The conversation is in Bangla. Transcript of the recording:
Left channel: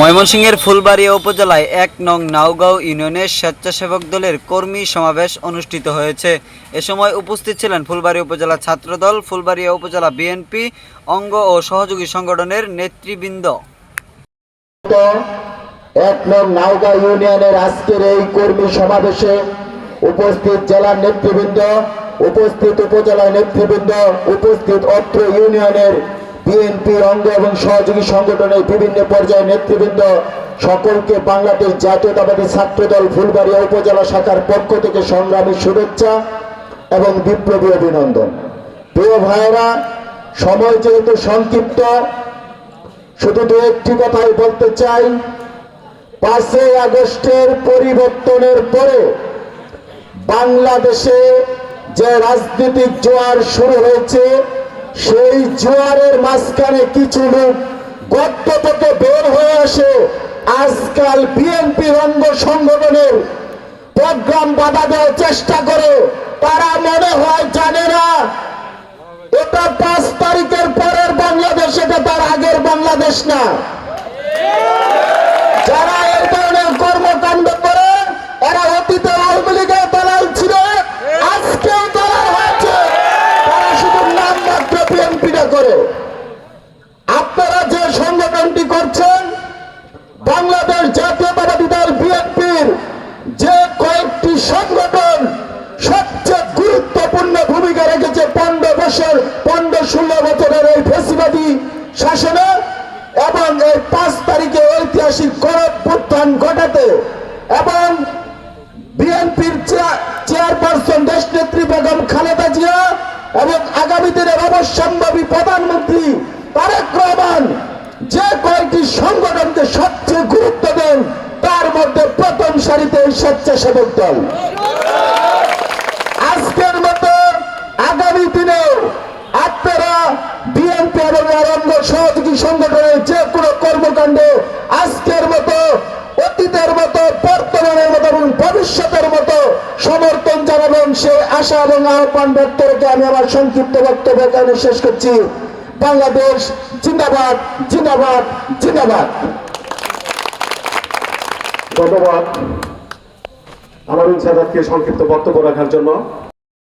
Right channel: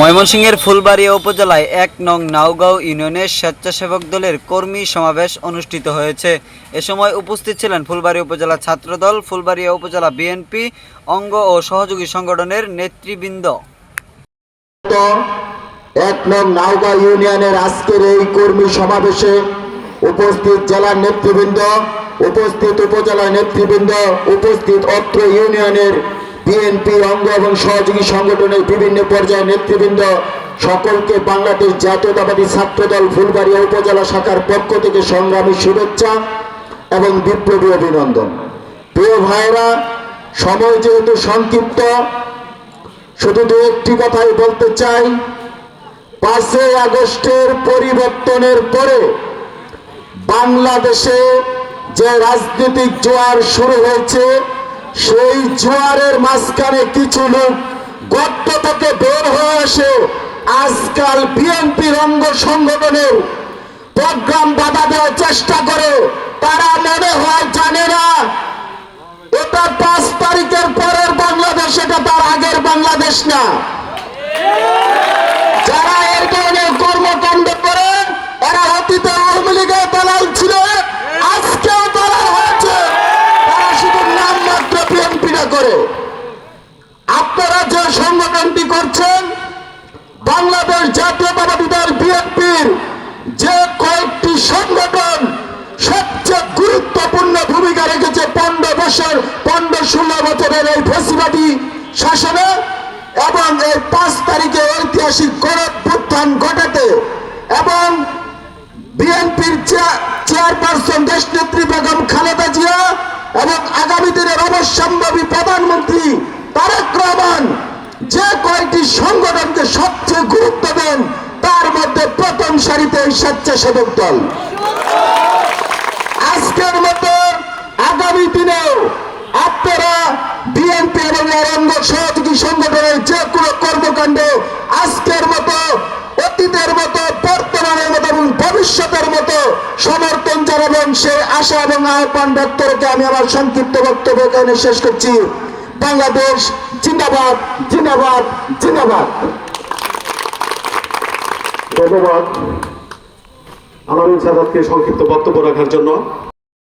ময়মনসিংহের ফুলবাড়িয়া উপজেলায় এক নং নাওগাঁও ইউনিয়নের স্বেচ্ছাসেবক দলের কর্মী সমাবেশ অনুষ্ঠিত হয়েছে। এ সময় উপস্থিত ছিলেন ফুলবাড়িয়া উপজেলা ছাত্রদল, ফুলবাড়িয়া উপজেলা বিএনপি, অঙ্গ ও সহযোগী সংগঠনের নেতৃবৃন্দ। এক নং নাওগাঁও ইউনিয়নের আজকের এই কর্মী সমাবেশে উপস্থিত জেলার নেতৃবৃন্দ, উপস্থিত উপজেলার নেতৃবৃন্দ, উপস্থিত অত্র ইউনিয়নের বিএনপি অঙ্গ এবং সহযোগী সংগঠনের বিভিন্ন পর্যায়ের নেতৃবৃন্দ সকলকে বাংলাদেশ জাতীয়তাবাদী ছাত্রদল ফুলবাড়িয়া উপজেলা শাখার পক্ষ থেকে সংগ্রামী শুভেচ্ছা এবং বিপ্লবী অভিনন্দন। প্রিয় ভাইয়েরা, সময় যেহেতু সংক্ষিপ্ত, শুধু দু একটি কথাই বলতে চাই। পাঁচই আগস্টের পরিবর্তনের পরে বাংলাদেশে যে রাজনৈতিক জোয়ার শুরু হয়েছে সেই জোয়ারের মাঝখানে কিছু লোক গর্ত থেকে বের হয়ে আসে আজকাল বিএনপি অঙ্গ সংগঠনের প্রোগ্রাম বাধা দেওয়ার চেষ্টা করে। তারা মনে হয় জানে না। এটা পাঁচ তারিখের পরের বাংলাদেশ, এটা তার আগের বাংলাদেশ না। বিএনপিটা করে। আপনারা যে সংগঠনটি করছেন, বাংলাদেশ জাতীয়তাবাদী দল বিএনপির যে কয়েকটি সংগঠন সবচেয়ে গুরুত্বপূর্ণ ভূমিকা রেখেছে পনেরো বছর, পনেরো ষোলো বছরের এই ফেসিবাদী শাসনে এবং এই পাঁচ তারিখে ঐতিহাসিক গণপুত্থান ঘটাতে এবং বিএনপির চেয়ারপারসন দেশ নেত্রী বেগম খালেদা জিয়া এবং আগামী দিনের অবশ্যম্ভাবী প্রধানমন্ত্রী তারেক রহমান যে কয়েকটি সংগঠনকে সবচেয়ে গুরুত্ব দেন, তার মধ্যে প্রথম সারিতে এই স্বেচ্ছাসেবক দল। আজকের মতো আগামী দিনেও আপনারা বিএনপি এবং অঙ্গ সহযোগী সংগঠনের যে কোনো কর্মকাণ্ডে আজকের মতো, অতীতের মতো, বর্তমানের মতো এবং ভবিষ্যতের মতো সমর্থন জানাবেন আশা এবং আহ্বান ব্যক্ত আমি আমার সংক্ষিপ্ত বক্তব্য এখানে শেষ করছি। বাংলাদেশ জিন্দাবাদ জিন্দাবাদ জিন্দাবাদ। ধন্যবাদ। আমার ইচ্ছা সংক্ষিপ্ত বক্তব্য রাখার জন্য।